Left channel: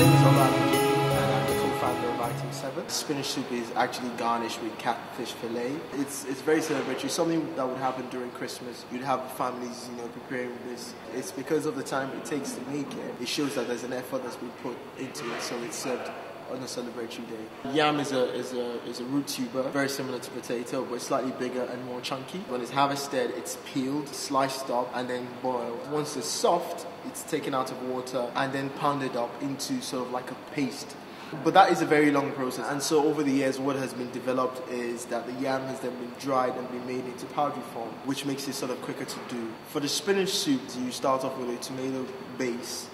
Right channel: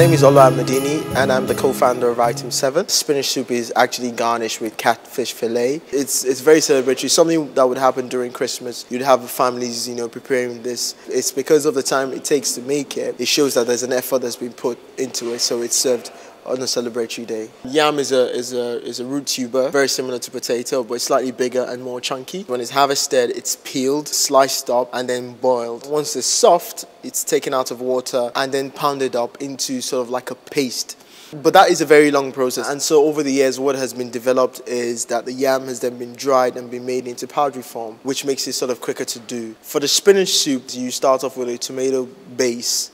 name is Olo Amadini and I'm the co-founder of Item 7. Spinach soup is actually garnished with catfish fillet. It's very celebratory, something that would happen during Christmas. You'd have families, preparing this. It's because of the time it takes to make it. It shows that there's an effort that's been put into it, so it's served on a celebratory day. Yam is a root tuber, very similar to potato, but it's slightly bigger and more chunky. When it's harvested, it's peeled, sliced up, and then boiled. Once it's soft, it's taken out of water and then pounded up into sort of like a paste. But that is a very long process, and so over the years what has been developed is that the yam has then been dried and been made into powdery form, which makes it sort of quicker to do. For the spinach soup, you start off with a tomato base.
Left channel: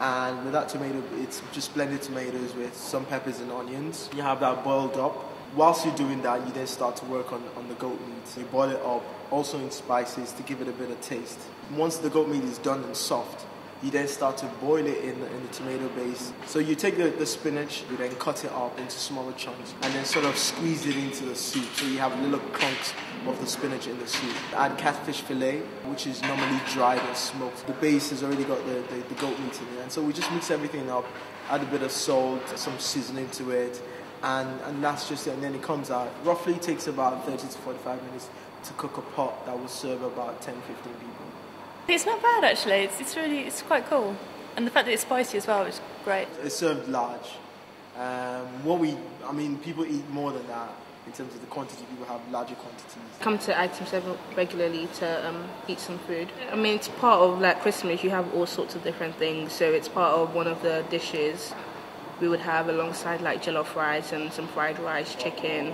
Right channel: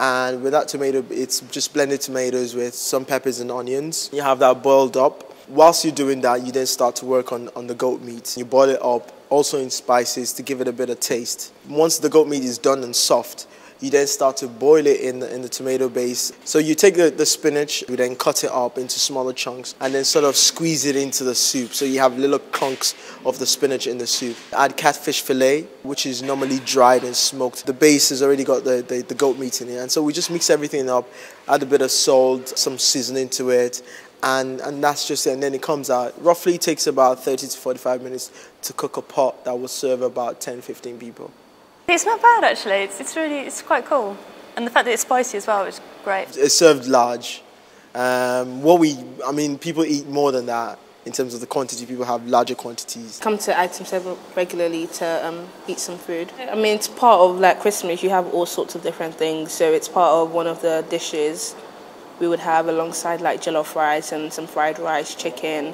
And with that tomato, it's just blended tomatoes with some peppers and onions. You have that boiled up. Whilst you're doing that, you then start to work on the goat meat. You boil it up, also in spices to give it a bit of taste. Once the goat meat is done and soft, you then start to boil it in the tomato base. So you take the spinach, you then cut it up into smaller chunks and then sort of squeeze it into the soup. So you have little chunks of the spinach in the soup. Add catfish fillet, which is normally dried and smoked. The base has already got the goat meat in it. And so we just mix everything up, add a bit of salt, some seasoning to it, and that's just it. And then it comes out. Roughly it takes about 30 to 45 minutes to cook a pot that will serve about 10, 15 people. It's not bad actually, it's quite cool. And the fact that it's spicy as well is great. It's served large. People eat more than that in terms of the quantity. People have larger quantities. Come to Item 7 regularly to eat some food. It's part of like Christmas, you have all sorts of different things. So it's part of one of the dishes we would have alongside like jollof rice and some fried rice, chicken,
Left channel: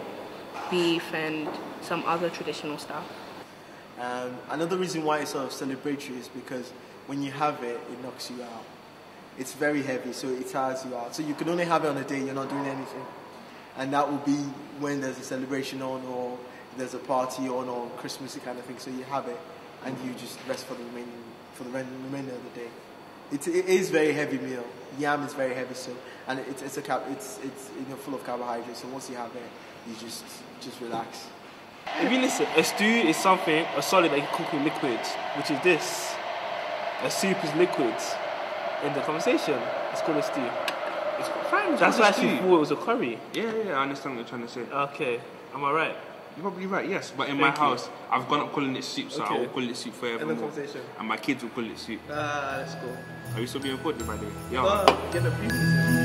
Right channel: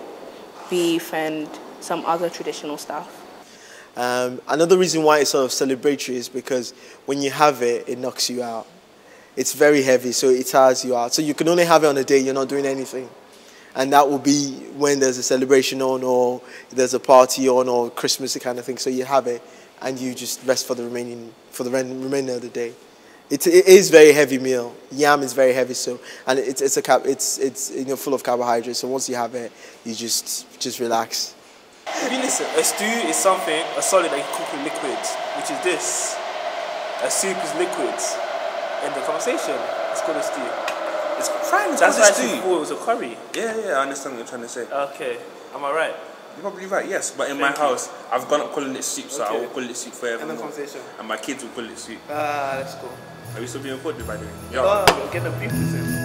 beef and some other traditional stuff. Another reason why it's sort of celebratory is because when you have it, it knocks you out. It's very heavy, so it tires you out. So you can only have it on a day you're not doing anything. And that will be when there's a celebration on or there's a party on or Christmas kind of thing. So you have it and you just rest for the remainder of the day. It is a very heavy meal. Yam is very heavy, and it's full of carbohydrates. So once you have it, you just relax. If you listen, a stew is a solid that you cook with liquids, which is this. A soup is liquids. In the conversation, it's called a stew. It's fine. That's why she thought it was a curry. Yeah, I understand what you're trying to say. Okay, am I right? You're probably right, yes. But in my house, I've gone up calling it soup, so okay. I will call it soup forever. In the conversation. And my kids will call it soup. That's cool. Are we still being recorded, by the way? Yeah. We'll get the people.